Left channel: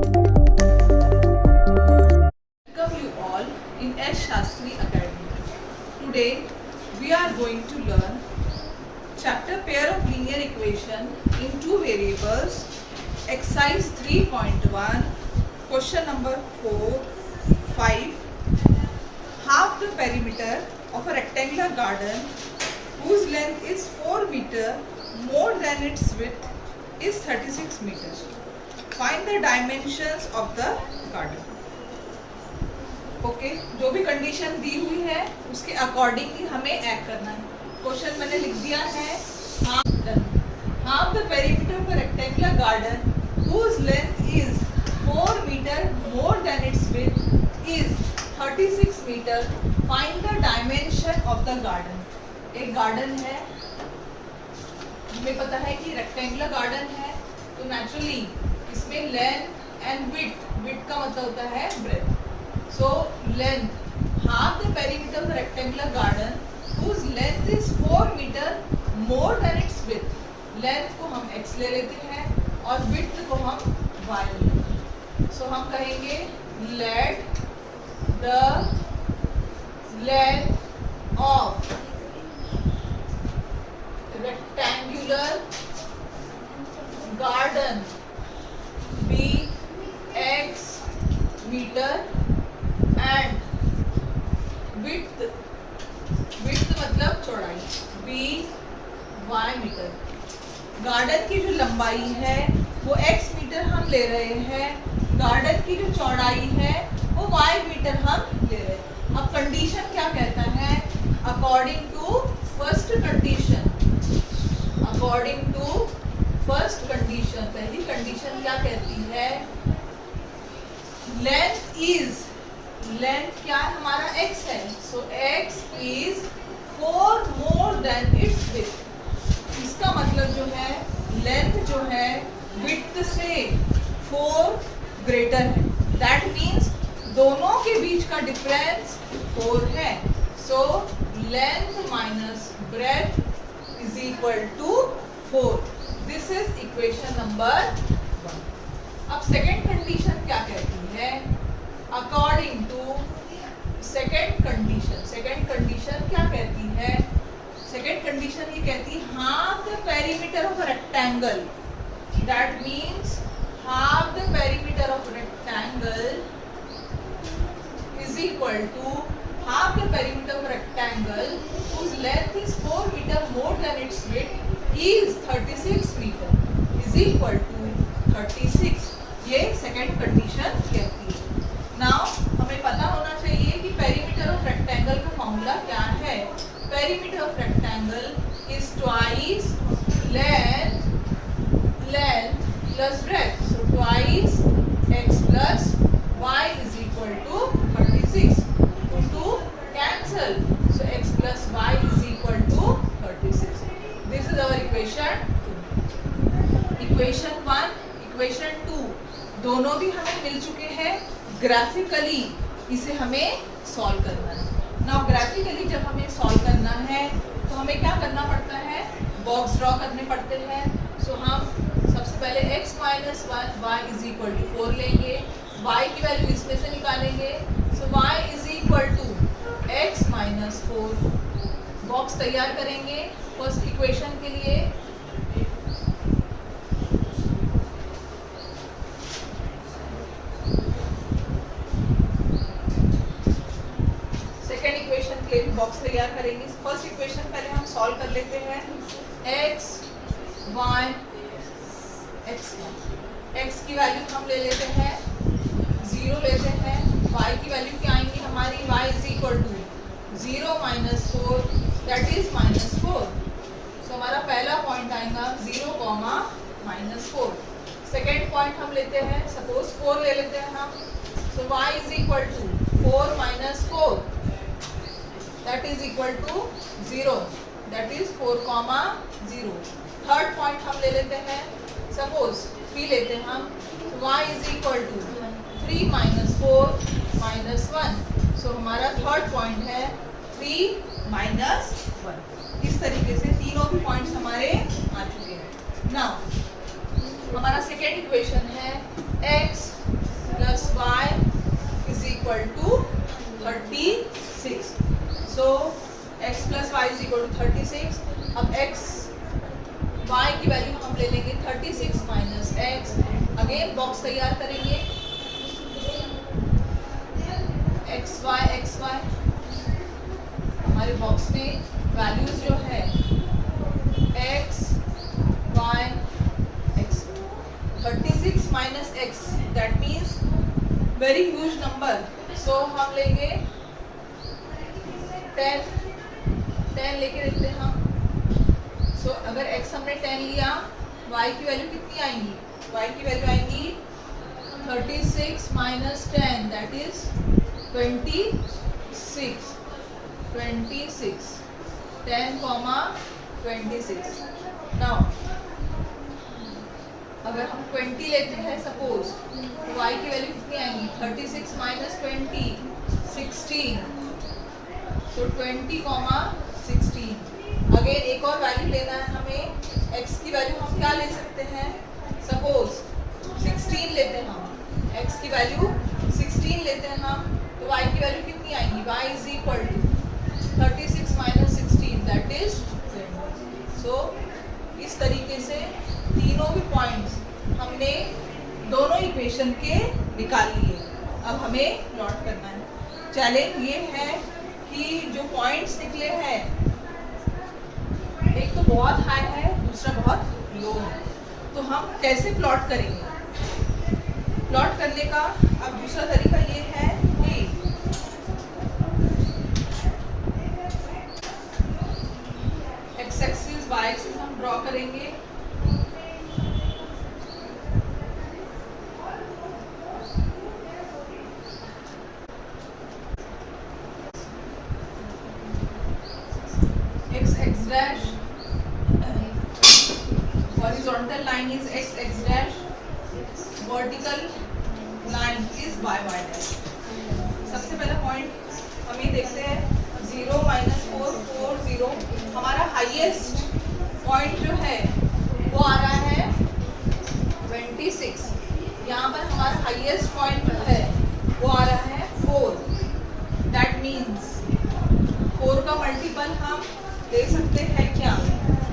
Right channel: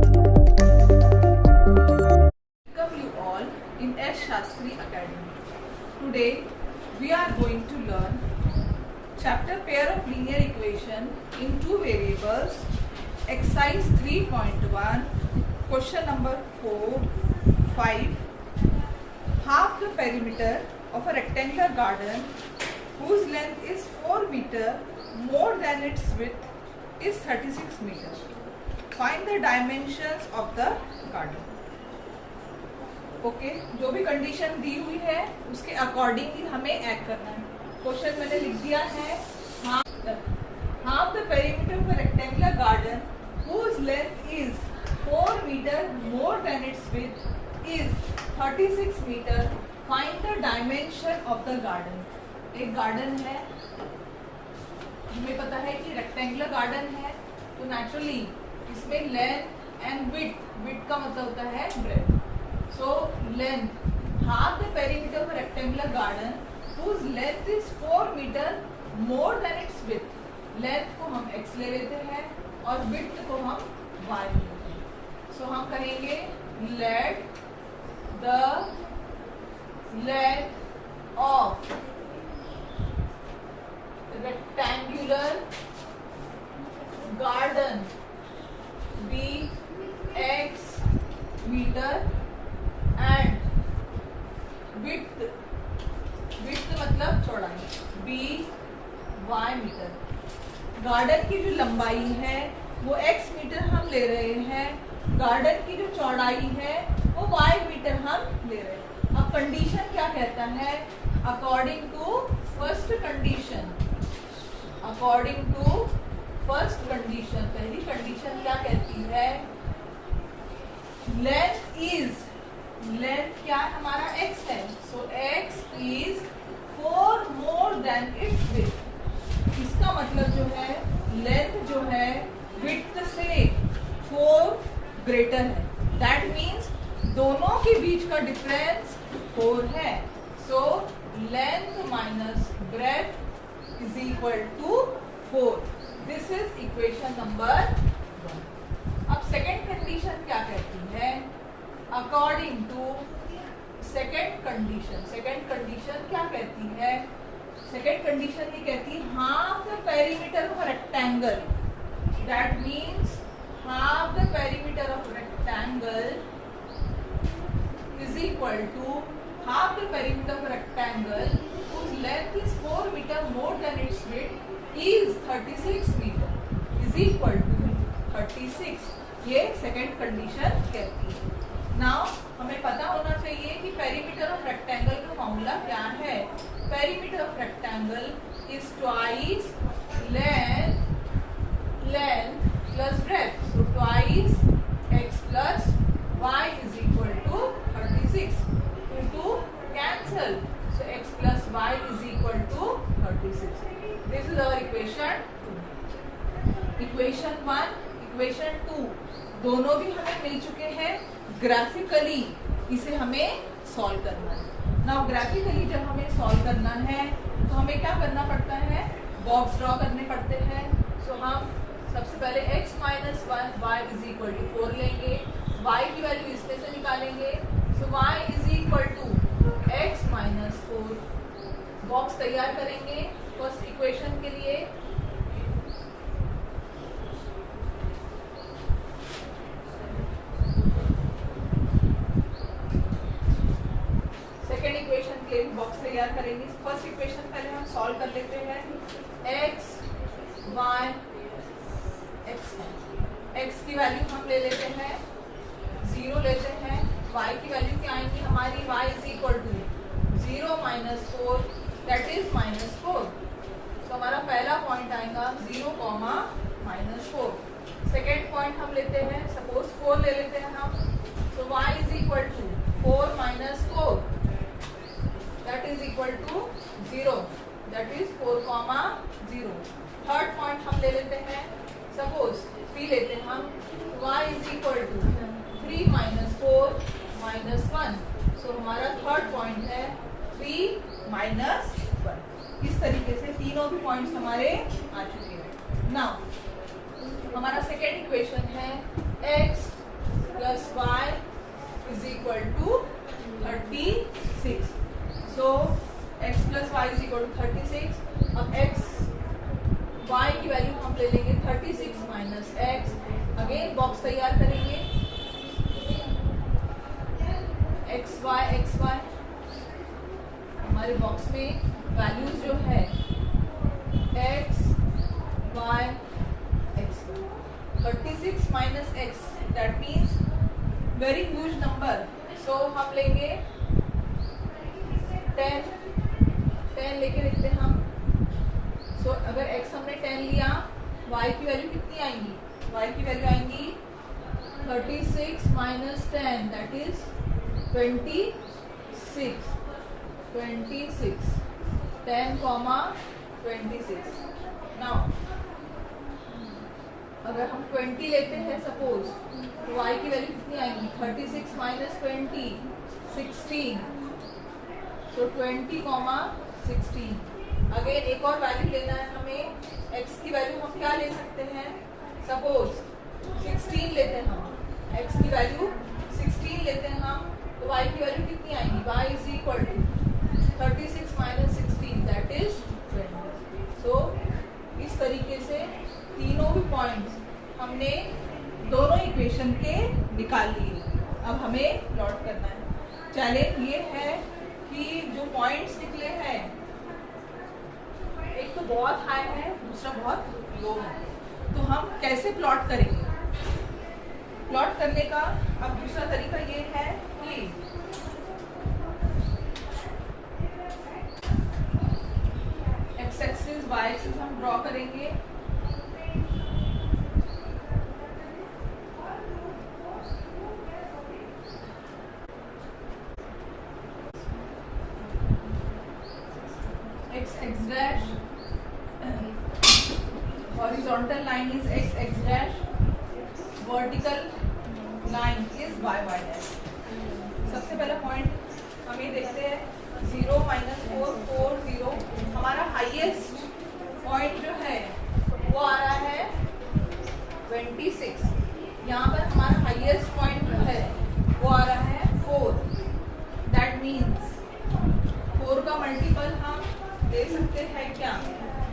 Welcome you all in S. Shastri Academy. Today we are going to learn chapter pair of linear equation in two variables, exercise 3.1, question number 4, 5. Half the perimeter of a rectangular garden whose length is 4 meter more than its width is 36 meter. Find the dimensions of the garden. Okay जो भी condition दी हुई है उसके accordingly हमें act करना है. Question मैंने लिख दिया है. Half the perimeter of a rectangular garden whose length is 4 metre more than its width is 36 metre. Find the dimension of the garden. एक गार्डन है, हमें पता है कि रेक्टेंगुलर गार्डन है, तो नेचुरली इसमें लेंथ एंड विड्थ का मतलब होता है breath. So length, half the perimeter of a rectangular garden whose length is 4 meter more than its width. Length को हम x ले लेते हैं और width को हम y ले लेते हैं. So हम कहेंगे let the length of rectangular garden be x meter and width मतलब चौड़ाई बी वाई मीटर. गार्डन की जो लंबाई है वो x मीटर हम ले रहे हैं, गार्डन की जो चौड़ाई है वो y मीटर हम ले रहे हैं. अब कंडीशन क्या कहता है? अकॉर्डिंग टू फर्स्ट कंडीशन, पहली कंडीशन क्या कहती है? लेंथ क्या है? हमारा x है. सो x is 4 more than its width. इसका मतलब जो है लेंथ जो है विड्थ से 4 ग्रेटर है. दैट मीन्स दोनों के बीच का डिफरेंस 4 है. So length minus breadth is equal to 4. This is equation number 1. अब सेकेंड कंडीशन क्या कहती है? अकॉर्डिंग टू सेकेंड कंडीशन क्या कहती है? सेकेंड कंडीशन ये कहती है half the perimeter of rectangle. That means half the perimeter of rectangle is equal to half the perimeter of rectangle whose length is 4 meter more than its width is 36 meter is equal to 36. ये second condition कहती है. Now हमें पता होना चाहिए कि perimeter of rectangle का formula क्या है. Perimeter of rectangle is twice length plus breadth. So twice x plus y is equal to 36. Two cancel. So x plus y is equal to 36. This is our equation 2. Equation 1, equation 2 दोनों भी हमें मिल चुके हैं. Graphically इसे हमें solve करना है. Now graphically जब हमें सॉल्व करना है तो हमें क्या करना पड़ता है? बॉक्स ड्रॉ करने पड़ते हैं. सो हम सबसे पहले x minus 1 y is equal to 4 लेंगे. y की वैल्यू इसमें से निकालेंगे. So y is equal to x minus 4. Box तैयार करेंगे फर्स्ट इक्वेशन के लिए. बॉक्स तैयार करेंगे. फर्स्ट इक्वेशन पहले हम सॉल्व कर लेते हैं. x की वैल्यू हम ले लेते हैं 0 लेते हैं. y की वैल्यू क्या आएंगी हमारी? y is equal to 0 minus 4 that is minus 4. So हमारा पहला पॉइंट आएगा 0 कॉमा माइनस 4. सेकेंड पॉइंट हम लेते हैं, सपोज 4 ले लेते हैं हम. So y is equal to 4 minus 4 that is equal to 0. That is 4 comma 0. Third point हम ले लेते हैं, सपोज 3 लेते हैं हम. y is equal to 3 minus 4 minus 1. सो हमारा थर्ड पॉइंट है 3 minus 1. इस तरीके से तीनों भी पॉइंट्स हमारे आ चुके हैं. नाउ हमारा सेकेंड इक्वेशन है x plus y is equal to 36. So x plus y is equal to 36. अब x y की वैल्यू हम ले लेंगे 36 माइनस x. अगेन बॉक्स तैयार करेंगे. x y हमारे बॉक्स में वैल्यूज जो है x y x 36 minus x that means very huge number. So हम लेंगे 10 लेके देखते हैं हम. सो अगर x हमने 10 लिया, y की वैल्यू कितनी आएंगी? y की वैल्यू आएंगी 36 minus 10 that is 26. 10 comma 26. Now अगर हम 20 लेते हैं सपोज, तो y की वैल्यू कितनी आएंगी? 36 माइनस 20 16. सो 20 कॉमा 16. अगेन एक और वैल्यू लेना है हमें. x की वैल्यू हम क्या ले सकते हैं? सपोज 16 लेते हैं हम. x की वैल्यू 16 लेते हैं हम, तो y की वैल्यू कितनी आएंगी? y is equal to 36 minus 16 that is 20. So इस तरीके से तीनों भी पॉइंट्स हमने दोनों इक्वेशन के निकाल लिए. अब हमें प्लॉट करना है. चैलेंज ये है कि जो पॉइंट्स निकले हैं, एक तो बहुत हाई है, दूसरा बहुत लो है, तो हम कैसे प्लॉट करेंगे? प्लॉट करने का अब दूसरा तरीका ये है कि एक्स एक्सिस वाई एक्सिस हम ड्रॉ करेंगे. x dash, horizontal line is x dash, vertical line is y dash. सबसे पहला पॉइंट हमें देखते हैं 0 माइनस 4 4 0. हमारा हाईएस्ट पॉइंट जो है वो आ रहा है 26. यहाँ पर हमारा हाईएस्ट पॉइंट जो है वो आ रहा है 4. दैट मीन्स 4 का मल्टीपल हम ले सकते हैं क्या?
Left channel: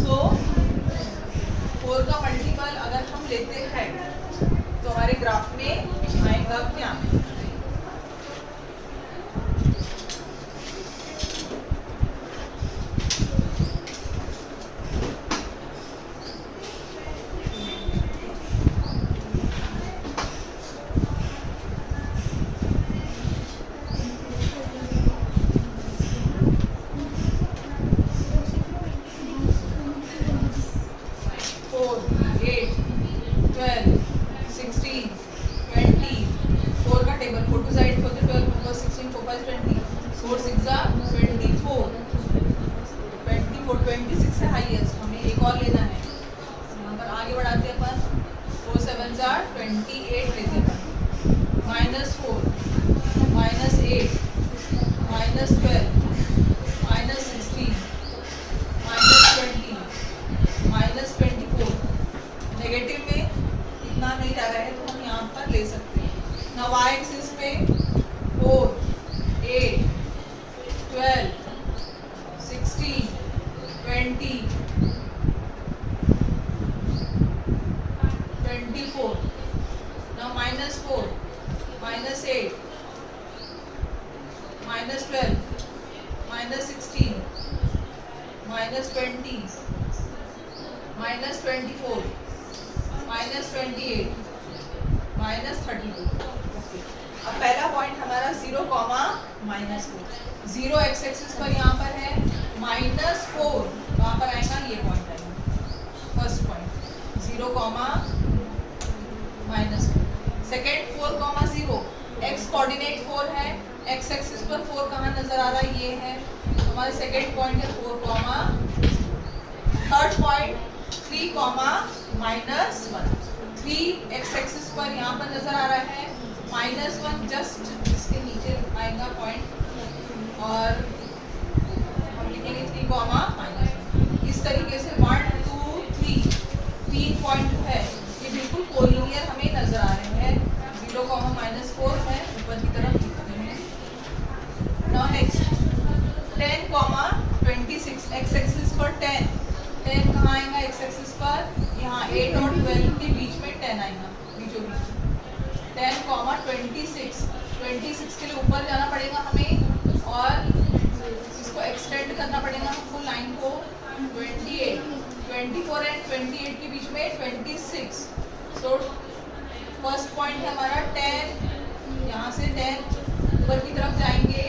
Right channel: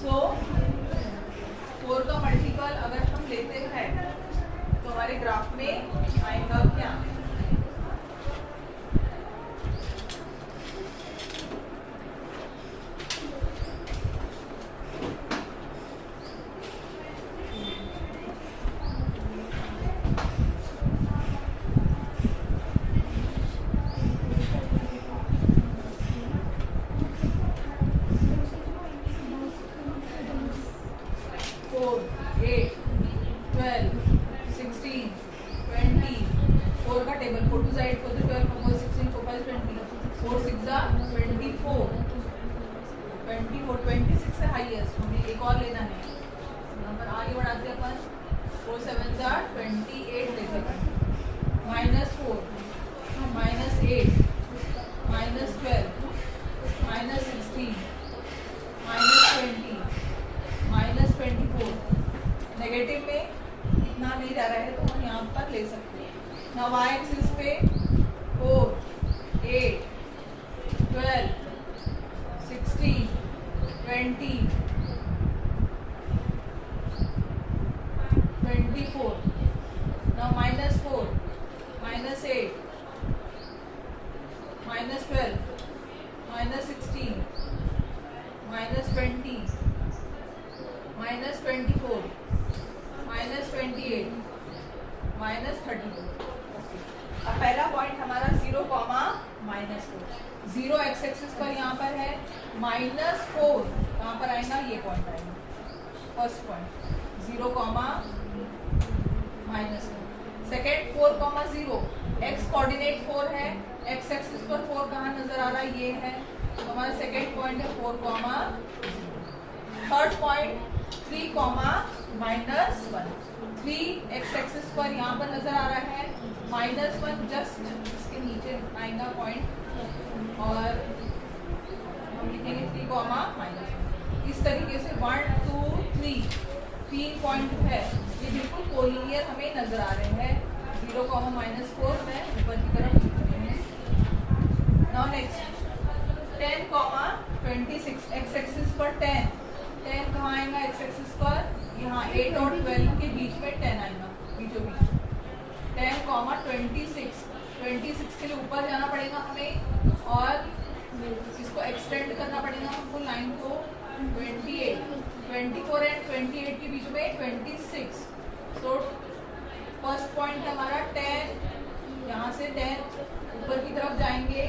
सो 4 का मल्टीपल अगर हम लेते हैं तो हमारे ग्राफ में आएगा क्या? एक और लेना है. नंबर आगे बढ़ाते अपन. 4 7 28 लेते हैं. -4 -8 -12 -16 -20 -24. नेगेटिव में इतना नहीं जा रहा है तो हम यहाँ पर ले सकते हैं. ना y एक्सिस पे 4 8 12 16 20 24. Now -4 -8 -12 -16 -20 -24 -28 -32. अब पहला पॉइंट हमारा 0 कॉमा -4. 0 एक्स एक्सिस पर यहाँ पर है. -4 कहाँ पर आएगा? ये पॉइंट आएगा first point 0 comma -4. Second 4 comma 0. X coordinate 4 है. एक्स एक्सिस पर 4 कहाँ नजर आ रहा है? ये है. हमारा सेकेंड पॉइंट है 4 comma. Third point 3 comma -1. 3 x axis पर यहाँ पर नजर आ रहा है. -1 जस्ट इसके नीचे आएगा पॉइंट और हम लिखेंगे 3 कॉमा -1. इस तरीके से 1 2 3 3 पॉइंट है ये बिल्कुल कोलिनियर हमें नजर आ रहे हैं. 0, -4 है, ऊपर की तरफ लिखते हैं। नाउ नेक्स्ट 10, 26 एक्स एक्सिस पर 10 कहाँ आएगा एक्स एक्सिस पर? यहाँ 8 और 12 के बीच में 10 आएगा, बीचों बीच 10, 26 के लिए ऊपर जाना पड़ेगा हमें और इसको एक्सटेंड करना पड़ेगा हमको लाइन को 28, 24 एंड 28 के बीच में 26। सो फर्स्ट पॉइंट है हमारा 10, यहाँ से 10 ऊपर की तरफ जाएंगे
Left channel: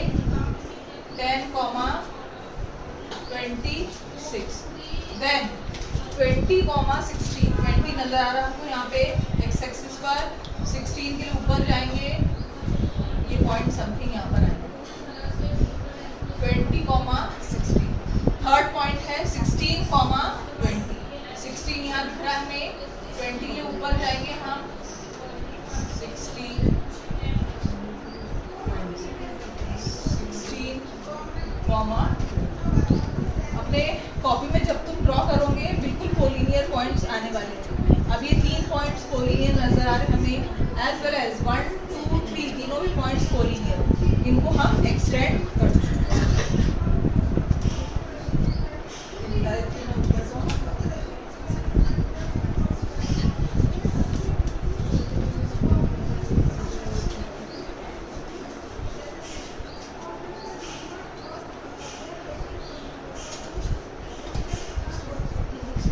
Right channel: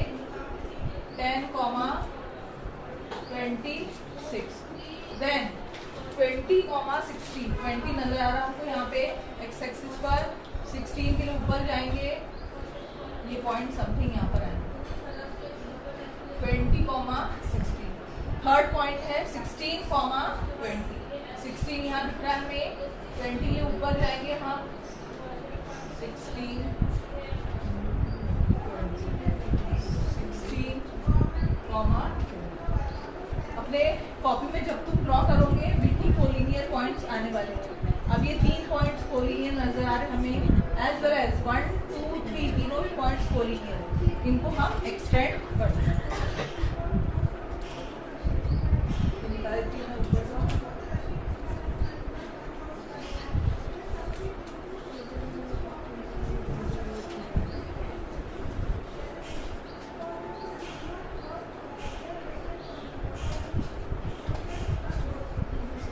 10, 26, देन 20, 16 20 नजर आ रहा है हमको यहाँ पे एक्स एक्सिस पर, 16 के लिए ऊपर जाएंगे, ये पॉइंट समथिंग यहाँ पर आएंगे 20, 16। थर्ड पॉइंट है 16, 20 16 यहाँ दिख रहा है हमें, 20 के लिए ऊपर जाएंगे हम 16, 16, अपने कॉपी में जब तुम ड्रॉ करोगे बिल्कुल कोलिनियर पॉइंट्स आने वाले हैं। अब ये 3 पॉइंट्स कोलिनियर नजर आ रहे हैं हमें, एज वेल एज 1, 2, 3 तीनों भी पॉइंट्स कोलिनियर, इनको हम एक्सटेंड कर सकते हैं।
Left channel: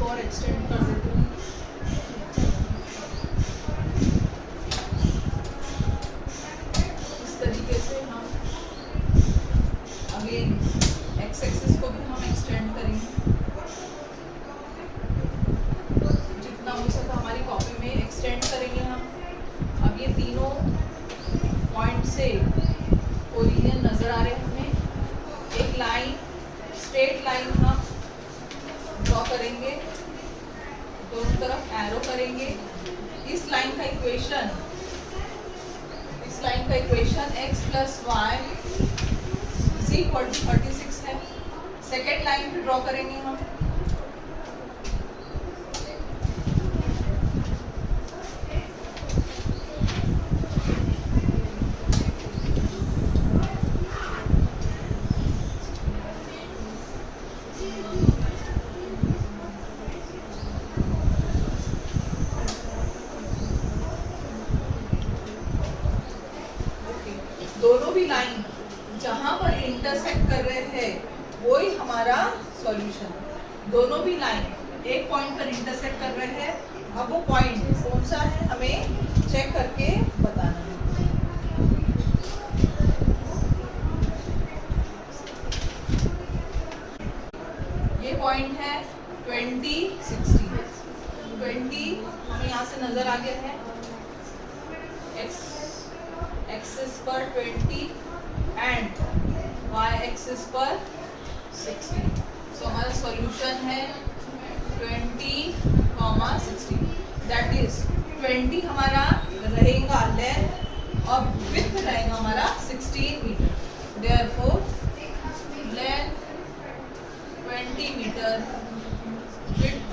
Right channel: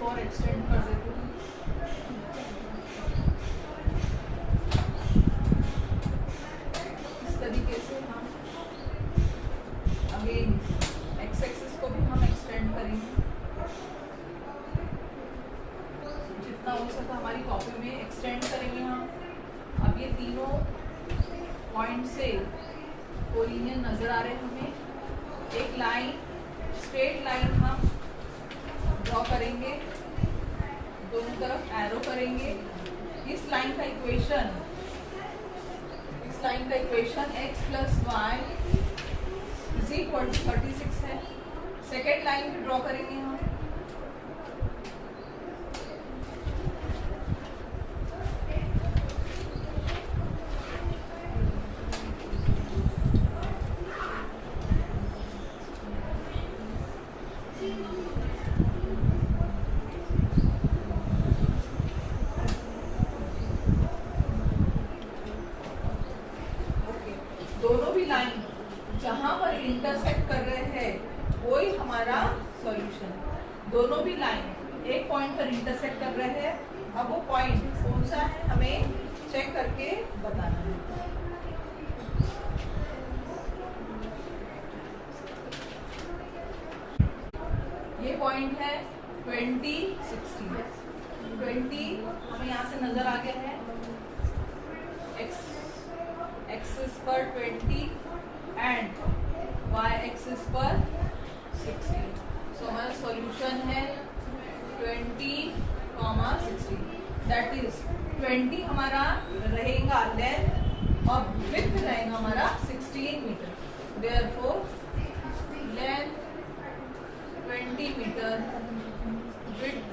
और एक्सटेंड कर देते हैं। इस तरीके से हम अगेन एक्स एक्सिस को भी हम एक्सटेंड करेंगे, जितना हो सका हमारी कॉपी में एक्सटेंड करेंगे हम। अब ये तीनों पॉइंट से कोलिनियर नजर आ रहे हैं हमें। एक लाइन, स्ट्रेट लाइन हम ड्रॉ करेंगे, दोनों तरफ एरो करेंगे। इस लाइन का इक्वेशन x + y = 36 है। सेकेंड लाइन भी ड्रॉ करेंगे हम, दोनों भी लाइन जहां पर इंटरसेक्ट कर रहे हैं वही हमारा सॉल्यूशन। दोनों भी लाइन एक पॉइंट पर इंटरसेक्ट कर रहे हैं, अब वो पॉइंट कौन सा है हमें चेक करके बताना है। ये पॉइंट है 20, 16। 20 हमें यहाँ से नजर आ गया है, एक्सिस पर 20 एंड y एक्सिस पर 16। सो हमारा सॉल्यूशन है 20, 16। दैट इज 20 हमारा रहेगा लेंथ और विड्थ रहेगा हमारा 16 metre. Therefore length 20 metre, width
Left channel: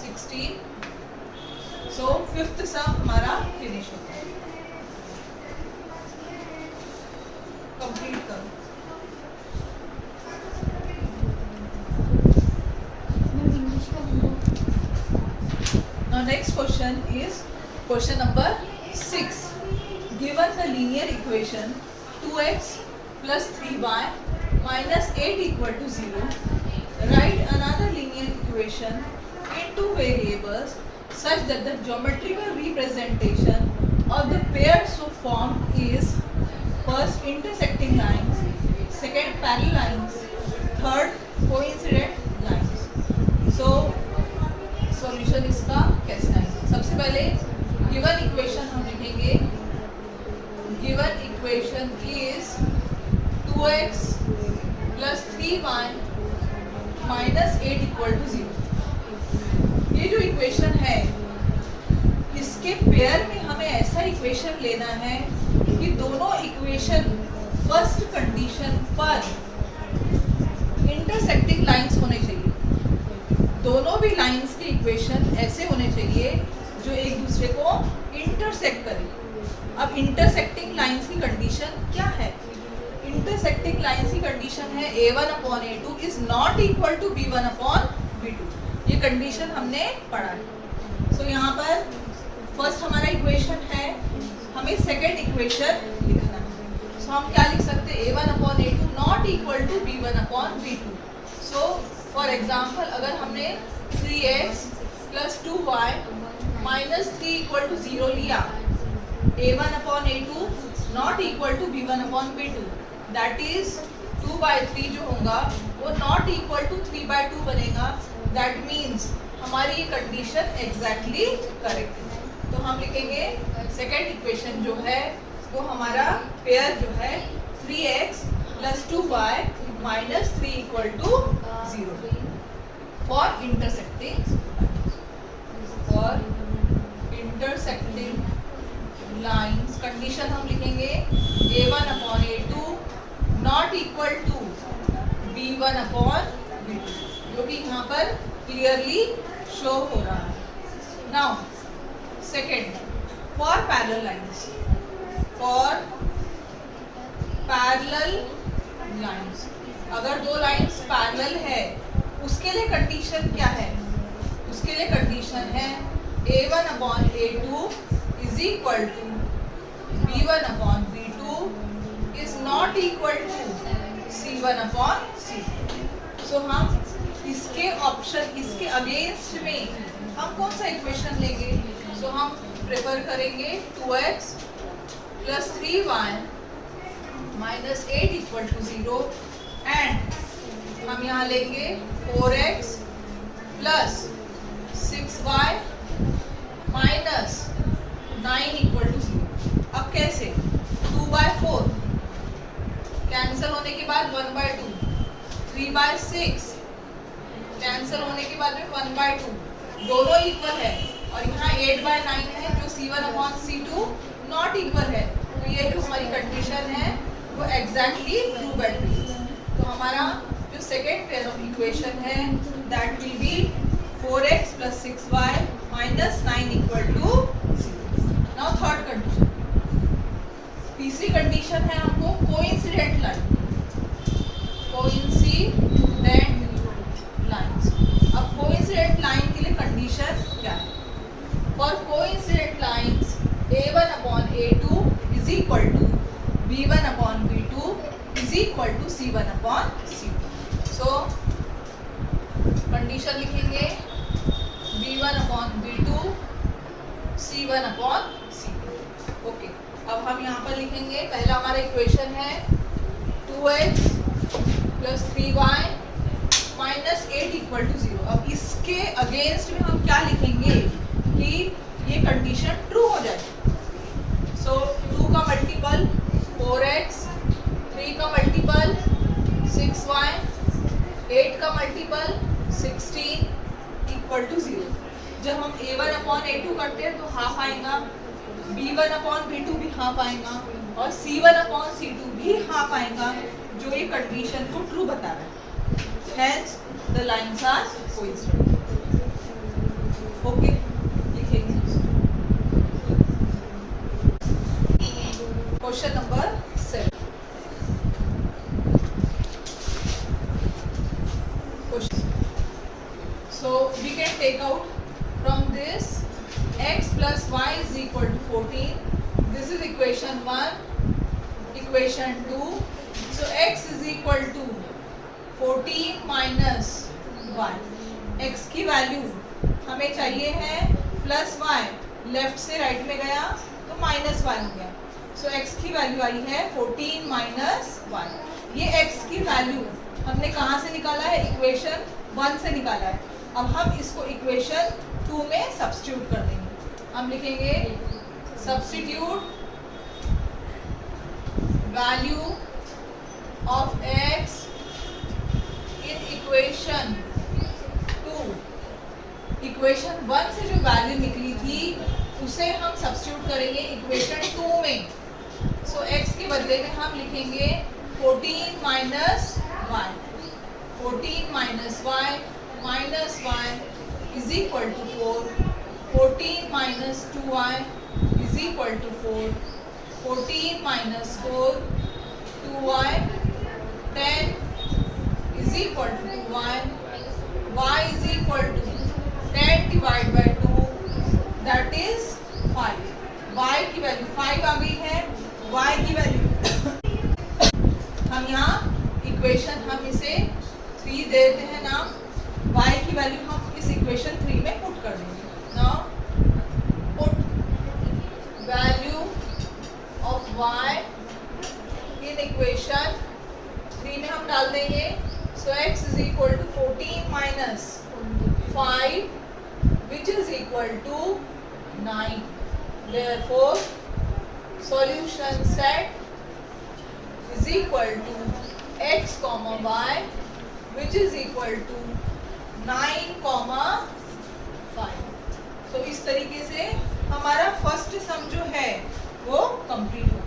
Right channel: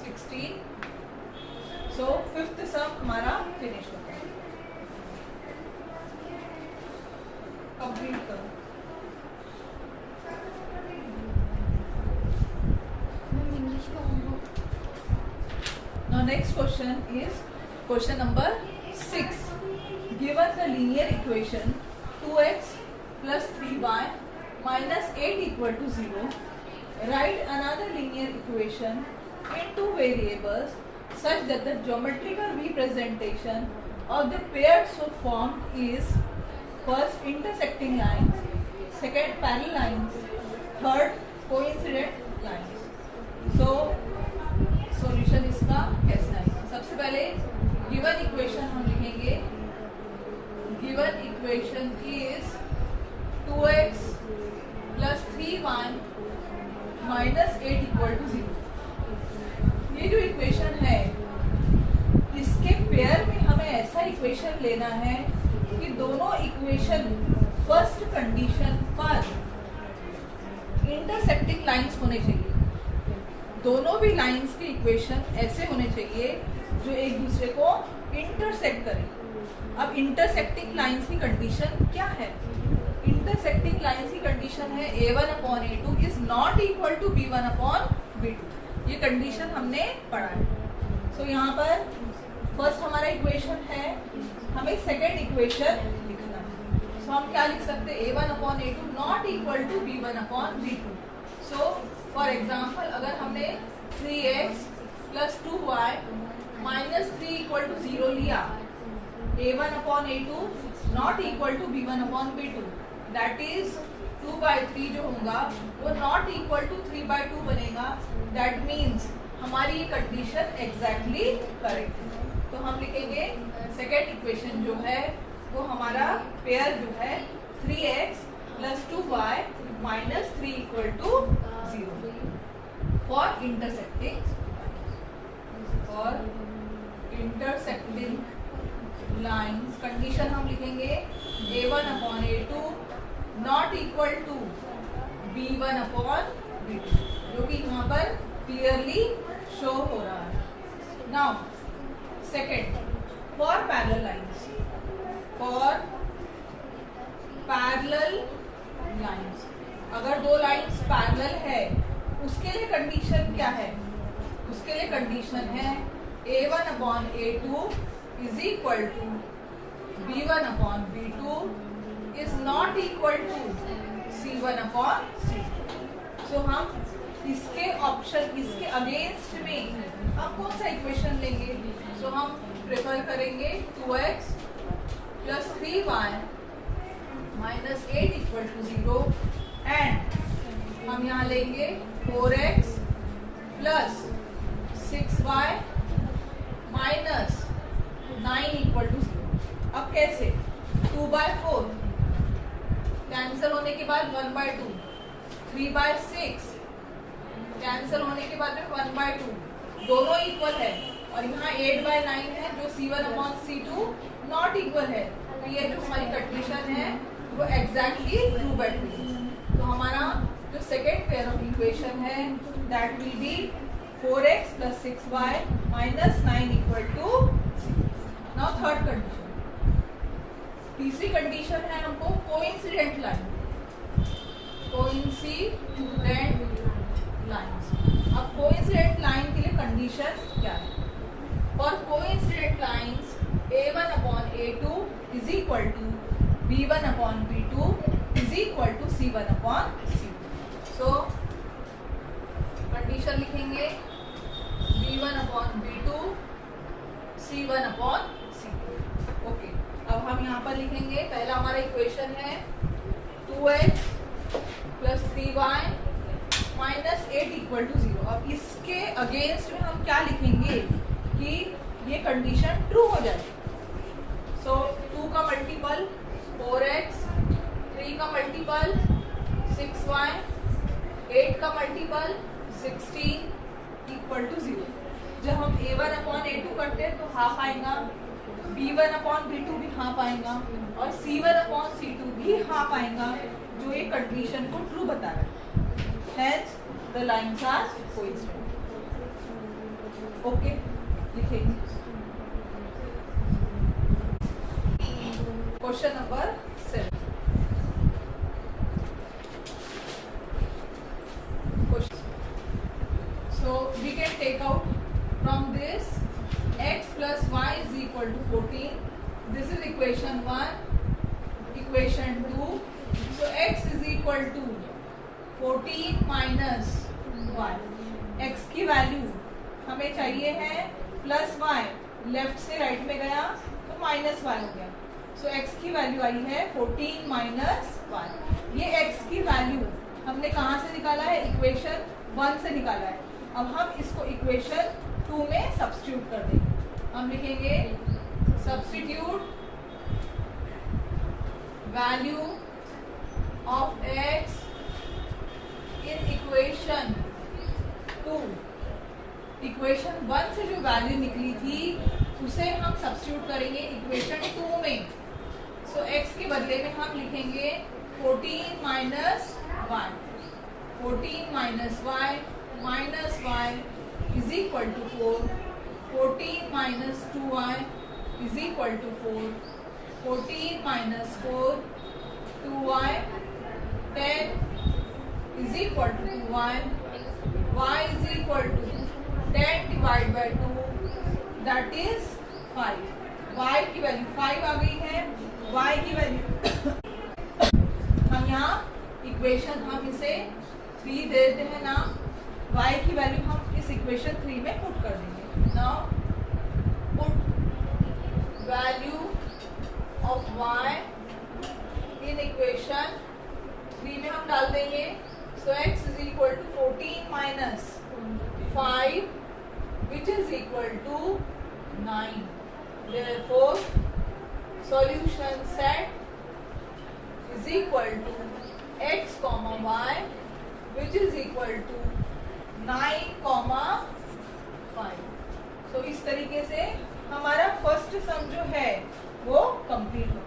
16। So fifth sum हमारा फिनिश होता है। कंप्लीट करो। Now next question is question number 6. Given the linear equation 2x plus 3y minus 8 equal to 0, write another linear equation in two variables such that the geometrical representation of the pair so formed is first intersecting lines, second parallel lines, third coincident lines. So solution इसका कैसा है? सबसे पहले given equation हम लिखेंगे। Given equation is 2x plus 3y minus 8 equal to 0। ये जो equation है इसके पेयर में हमें ऐसा इक्वेशन लेना है कि दोनों इक्वेशन फर्स्ट कंडीशन पर इंटरसेक्टिंग लाइंस होने चाहिए। दोनों भी लाइंस के इक्वेशन ऐसे होने चाहिए जो एक दूसरे को इंटरसेक्ट करें। अब इंटरसेक्टिंग लाइंस की कंडीशन क्या है? इंटरसेक्टिंग लाइंस की कंडीशन है A1/A2 is not equal to B1/B2। ये कंडीशन हमने पढ़ा है। सो यहाँ पर फर्स्ट हमारा इक्वेशन है, हमें सेकेंड इक्वेशन लिखना है। सो हम क्या लिख सकते हैं? A1/A2 not equal to B1/B2। So for example अगर हमने 3x plus 2y minus 3 equal to 0 लिया, A1/A2 not equal to B1/B2, that is 2/3 जो होगा वो नॉट इक्वल टू 3/2 बनेगा। दैट मीन्स हमारी ये कंडीशन एग्जैक्टली करेक्ट है। तो हम लिखेंगे सेकेंड इक्वेशन जो है वो हमारा पेयर जो है 3x plus 2y minus 3 equal to 0 for intersecting lines. Condition हम लिखेंगे A1/A2 not equal to B1/B2, जो कि यहाँ पर क्लियरली शो हो रहा है। Now second, for parallel lines, for parallel lines अगर दो लाइंस पैरेलल है उसके लिए कंडीशन क्या है? उसके लिए कंडीशन है A1/A2 is equal to B1/B2 is not equal to C1/C2। So हम इसके ऑप्शन, इसके अगेंस्ट में हम कौन सा इक्वेशन लेंगे? सो हम प्रेफर करेंगे 2x plus 3y minus 8 equal to 0 and हम यहाँ लेंगे 4x plus 6y minus 9 equal to 0। अब कैसे? 2/4 कैंसिल होने के बाद 1/2, 3/6 कैंसिल होने के बाद में 1/2, दोनों इक्वल है। और यहाँ 8/9 है जो C1/C2 नॉट इक्वल है। तो ये जो हमारी कंडीशन है वो एग्जैक्टली ट्रू बैठेगी। तो हमारा जो सेकेंड पेयर ऑफ इक्वेशन है that will be 4x plus 6y minus 9 equal to 0। Now third condition, तीसरी कंडीशन है हमको कोइंसिडेंट लाइन, कोइंसिडेंट लाइंस। अब कोइंसिडेंट लाइन के लिए कंडीशन क्या है? For coincident lines A1/A2 is equal to B1/B2 is equal to C1/C2। So condition लिखेंगे B1/B2 C1/C2। Okay, अब हम यहाँ पर लिखेंगे, पहला हमारा इक्वेशन है 2x plus 3y minus 8 equal to 0। अब इसके अगेंस्ट में हम क्या लिखेंगे कि ये कंडीशन ट्रू हो जाए? सो 2 का मल्टीपल 4x, 3 का मल्टीपल 6y, 8 का मल्टीपल 16 इक्वल टू 0। जब हम A1/A2 करते हैं तो हाफ आएगा, B1/B2 भी हाफ आएगा और C1/C2 भी हाफ आएगा, जो ये कंडीशन को ट्रू बता रहा है। Hence the lines are coincident. Okay, लिखेंगे। Question number 7. Question. So we can take out from this x plus y is equal to 14. This is equation 1. Equation 2. So x is equal to 14 minus y। x की value हमें चाहिए है plus y, left से right में गया तो minus y हो गया। सो x की वैल्यू आई है 14 माइनस y। ये x की वैल्यू हमने कहाँ से निकाला है? इक्वेशन 1 से निकाला है। अब हम इसको इक्वेशन 2 में सब्स्टिट्यूट कर देंगे। हम लिखेंगे substitute value of x in equation 2। Equation 1 से जो वैल्यू निकली थी उसे हम सब्स्टिट्यूट करेंगे इक्वेशन 2 में। सो x के बदले में हम लिखेंगे 14 minus y, 14 minus y minus y is equal to 4। 14 minus 2y is equal to 4. 14 minus 4 2y. 10 is equal to 2y. Y is equal to 10 divided by 2, that is 5. y की value 5 आ गई है. y की value हम यहाँ equation हम इसे 3 देते हैं नाम. y की वैल्यू हम इस इक्वेशन 3 में पुट कर देंगे. Now put value of y in equation 3 में हम डाल देंगे. सो x is equal to 14 minus 5 which is equal to 9. Therefore solution set is equal to x comma y which is equal to 9 comma 5. तो इस तरीके से हमारा फर्स्ट सम जो है वो कंप्लीट हो